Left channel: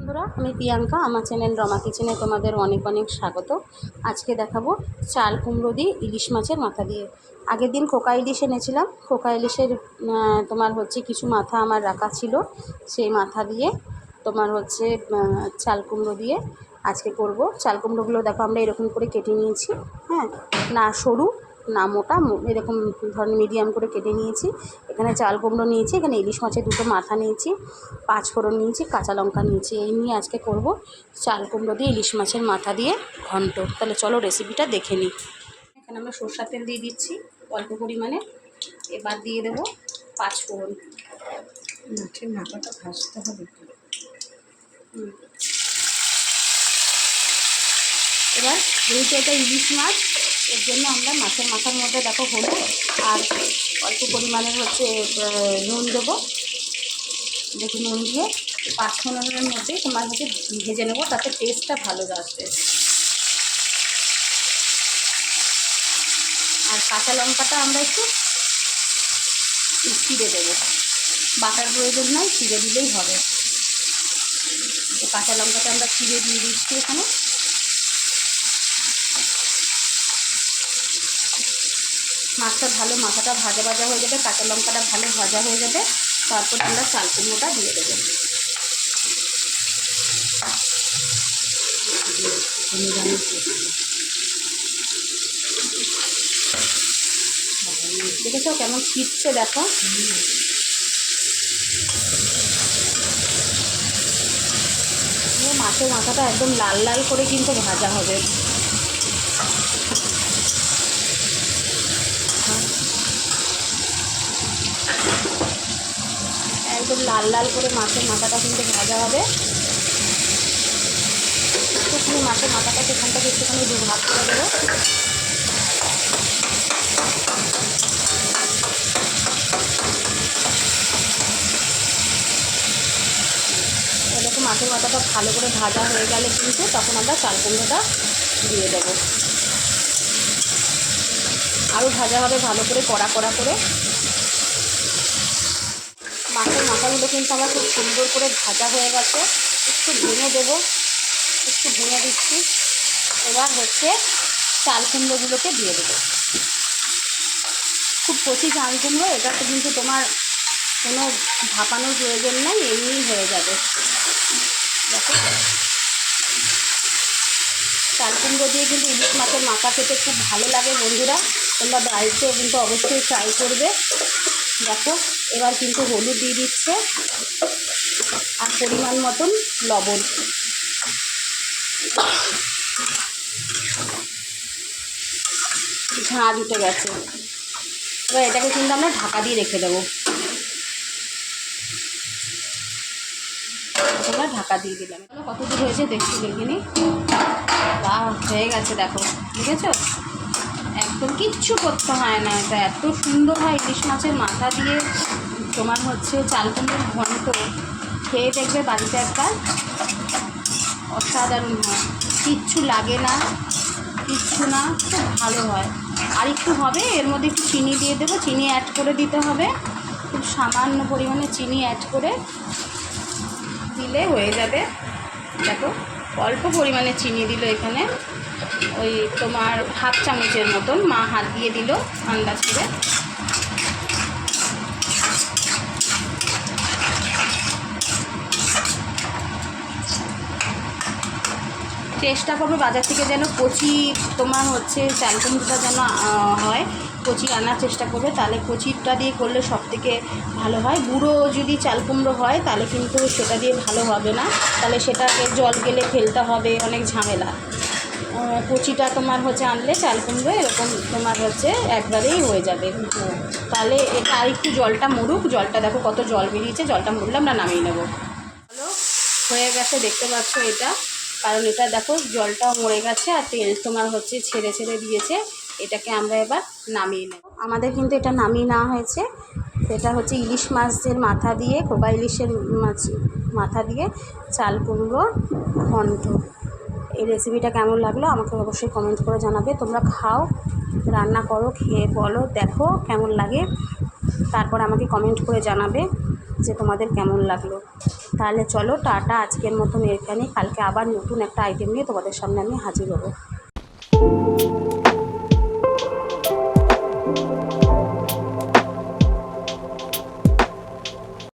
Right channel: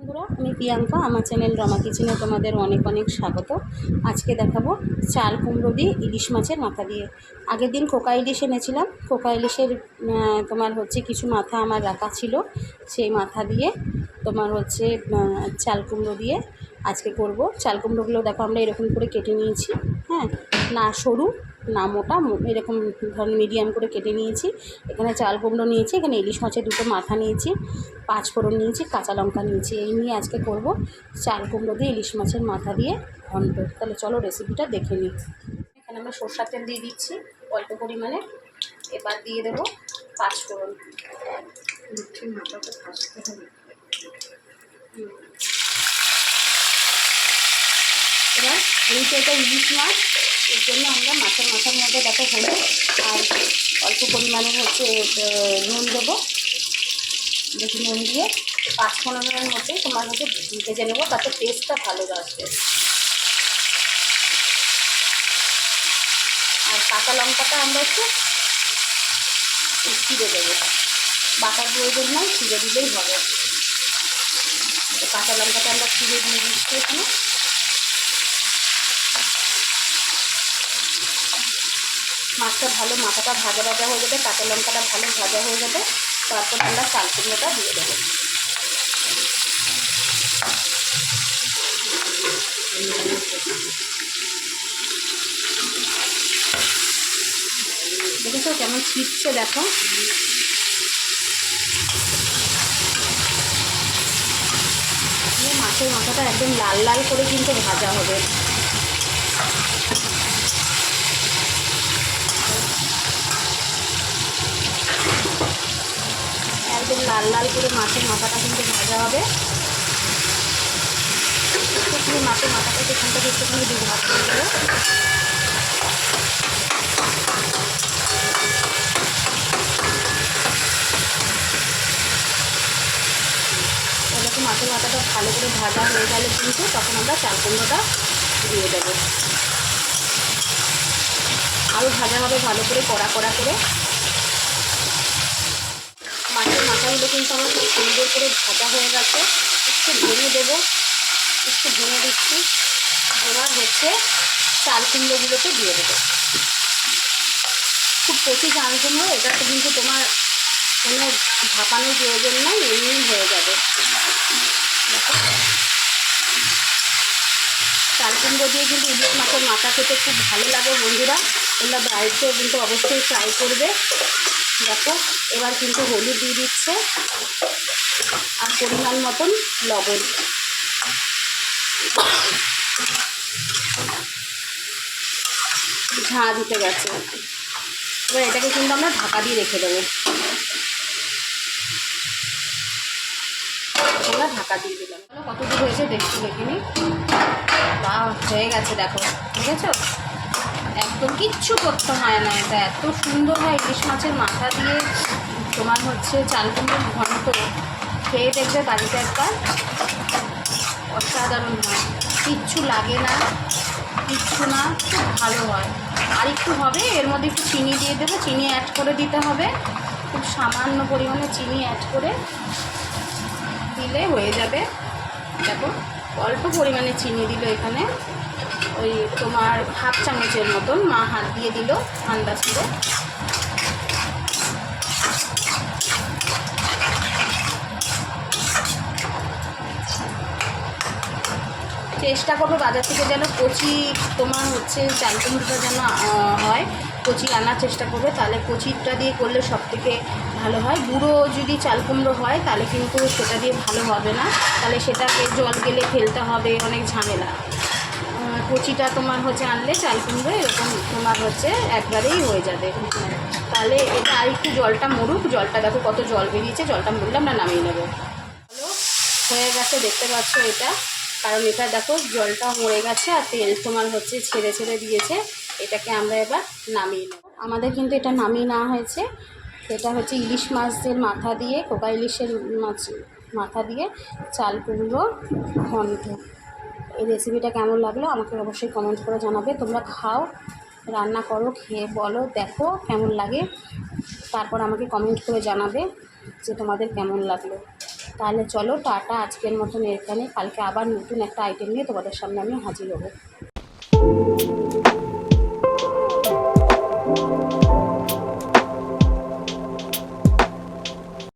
বন্ধুরা, আমি প্রিয়াঙ্কা। আমার চ্যানেল রমা কিচেনে তোমাদের অনেক অনেক স্বাগত। আজকে দেখাবো চাল কুমড়ো দিয়ে ইলিশ মাছের মাথা দিয়ে। আগের দিন কোকা ইলিশ এনেছিলাম। কোকা ইলিশের তোমার হচ্ছে কিছু মাথা আমার রাখা ছিল, সেই মাথা দিয়ে তোমার হচ্ছে চাল কুমড়ো দিয়ে আজকে করব। চাল কুমড়োগুলো দেখো আমরা এরকম করে কেটে নিয়েছি। হ্যাঁ, না সরু না মোটা, এরকম ধরনের মিডিয়াম করে কেটে নিয়েছি। এখানে চাল কুমড়ো নিয়েছি, এখানে ইলিশ মাছের দুটো মাথা নিয়েছি, 5 ফোড়ন নিয়েছি, কাঁচা লঙ্কা নিয়েছি। এই নিয়ে আজকে করব চাল কুমড়ো দিয়ে ইলিশ মাছের মাথা দিয়ে ঘন্ট। তাহলে চলো রেসিপিটা দেখে নিই। এখানে আমরা সরষের তেল দিয়ে দিচ্ছি অল্প পরিমাণে। এবার দিয়ে দেবো 5 ফোড়ন। মাছের মাথাটা ভাজতে হবে। এবার যেহেতু এটা ইলিশ মাছ, এর জন্য আমরা মাছের মাথার মধ্যে দেখো হলুদ আর অল্প পরিমাণের হচ্ছে নুন দেবো। দেখি নুন দিয়ে 5 ফোড়নের মধ্যে তোমার হচ্ছে ভেজে নেবো, তাতে টেস্টটা ভালো আসবে। আর কাঁচা লঙ্কাটা আমরা একটু ছিঁড়ে দেবো, বাটার প্রয়োজন নয়, ছিঁড়ে দিলেই হবে। তো কাঁচা লঙ্কাটা আমরা ছিঁড়ে দিয়ে দিচ্ছি এখানে। মাছটা ভালো, মাথাটা ভাজা ভাজা হয়ে যাবে, কাঁচা লঙ্কাটা ভালো ভাজা হয়ে যাবে, তারপর আমরা চাল কুমড়োটা দিয়ে দেবো। দেখেছো কেমন ছিটছে, দেখো। মাছের মাথাটা একদম লাল লাল করে কিন্তু ভাজা হবে। একদম লাল লাল করে মাছের মাথাটা কিন্তু ভাজা হবে। একটুখানি মাছের মাথাটা সেখান থেকে একটুখানি ভাগ করে দেবো। এরকম মাছের মাথাটা ভালো করে ভাজা হয়ে গেলে কিন্তু তখন আমরা চাল কুমড়োটা দিয়ে দেবো। আরও ভাজা হবে ভালো করে, কড়া কড়া করে। মাছের মাথাগুলো কিন্তু আমার খুব সুন্দর করে ভাজা হয়ে গেছে। একটু ভেঙে দেবো, একটু ভেঙে দিচ্ছি। এবার হচ্ছে চাল কুমড়োগুলোকে দিয়ে দেবো। খুব কচি চাল কুমড়ো, এটা তো কিন্তু তোমার কোনো ভাপানোর প্রয়োজন নাই, এমনি হয়ে যাবে। দেখো, চাল কুমড়ো দিয়ে কিন্তু ইলিশ মাছের মাথা খেতে খুব ভালো লাগে বন্ধুরা। তোমরা বাড়িতেও কিন্তু অবশ্যই ট্রাই করবে। দেখো, এবার কিন্তু হলুদ দিয়ে দিচ্ছে আর পরিমাণ মতন লবণ। ঝাঁঝ উঠে গেছে। এবার এটাকে কিন্তু আমরা ঢাকা দিয়ে রেখে দেবো। এবার ঢাকা দিয়ে দিলাম। কত দূর হয়েছে দেখতে দেখিনি। বা হয়ে গেছে, দেখো দেখেছো, একদম কিচ্ছু করতে হয় না। এটা এত সুন্দর হয় ইলিশ মাছের মাথা দিয়ে তোমার হচ্ছে চাল কুমড়োর ঘন্ট। খেয়ে দেখবে বাড়িতে একবার, অসাধারণ হয়। কিচ্ছু লাগে না, কিচ্ছু না, খুব ভালো হয়। আর একটু হবে, এর মধ্যে একটু চিনি দিয়ে দেবো। চিনি অ্যাড করে দিতে হবে, খুব সামান্য পরিমাণে চিনি অ্যাড করে দিলে হয়ে যাবে। দেখো, অল্প পরিমাণে চিনি দিল এখানে, ওই তোমার হাফ চামচের মতন, মা হাত দিয়ে দিল আন্দাজ করে। চেষ্টা করবো বাজার থেকে যেন কচি তোমার হচ্ছে চাল কুমড়োটা যেন হয়, কচি আনার চেষ্টা করবে। তাহলে কচিটা দিয়ে করলে সব থেকে ভালো হয়। গুঁড়ো যদি চাল কুমড়ো হয় তাহলে কিন্তু সেটা দিয়ে ভালো হবে না, তাহলে সেটাকে জল গেলে ফেলতে হবে, অনেক ঝামেলা। কচিটা তোমার হচ্ছে আনলে চাল কুমড়ো এরকম তোমার হচ্ছে একবারেই হয়ে যাবে। তাহলে এটা আর একটু জলটা মরুক। জলটা দেখো কত জল বেরিয়েছে, জলটা মরলে আমরা নামিয়ে নেব। হলো, হয়ে গেছে, দেখতে পাচ্ছ এটা। কারণ এটা দেখো জলটা মরে গেছে আর তেল তোমার হচ্ছে ছেড়ে ছেড়ে দিয়েছে। এটাকে আমরা এবার নামিয়ে নেব। আমাদের কিন্তু এটা নামিয়ে নেওয়া হয়েছে। এটা হচ্ছে ইলিশ মাছের মাথা দিয়ে, কোকা ইলিশের মাথা দিয়ে চাল কুমড়ো ঘন্ট। এই রেসিপিটা কেমন লাগলো আমাকে অবশ্যই কমেন্ট করে জানাবে। তোমরা খাও, রান্না করো, খেয়ে বলো দেখো কেমন লাগে, তারপর আমাকে কমেন্ট করে জানাবে যে তোমাদের কেমন লাগলো। তাহলে চলো টাটা, আজকের মতন এখানেই, কালকে আবার নতুন একটা আইটেম নিয়ে তোমাদের সামনে আমি হাজির হবো।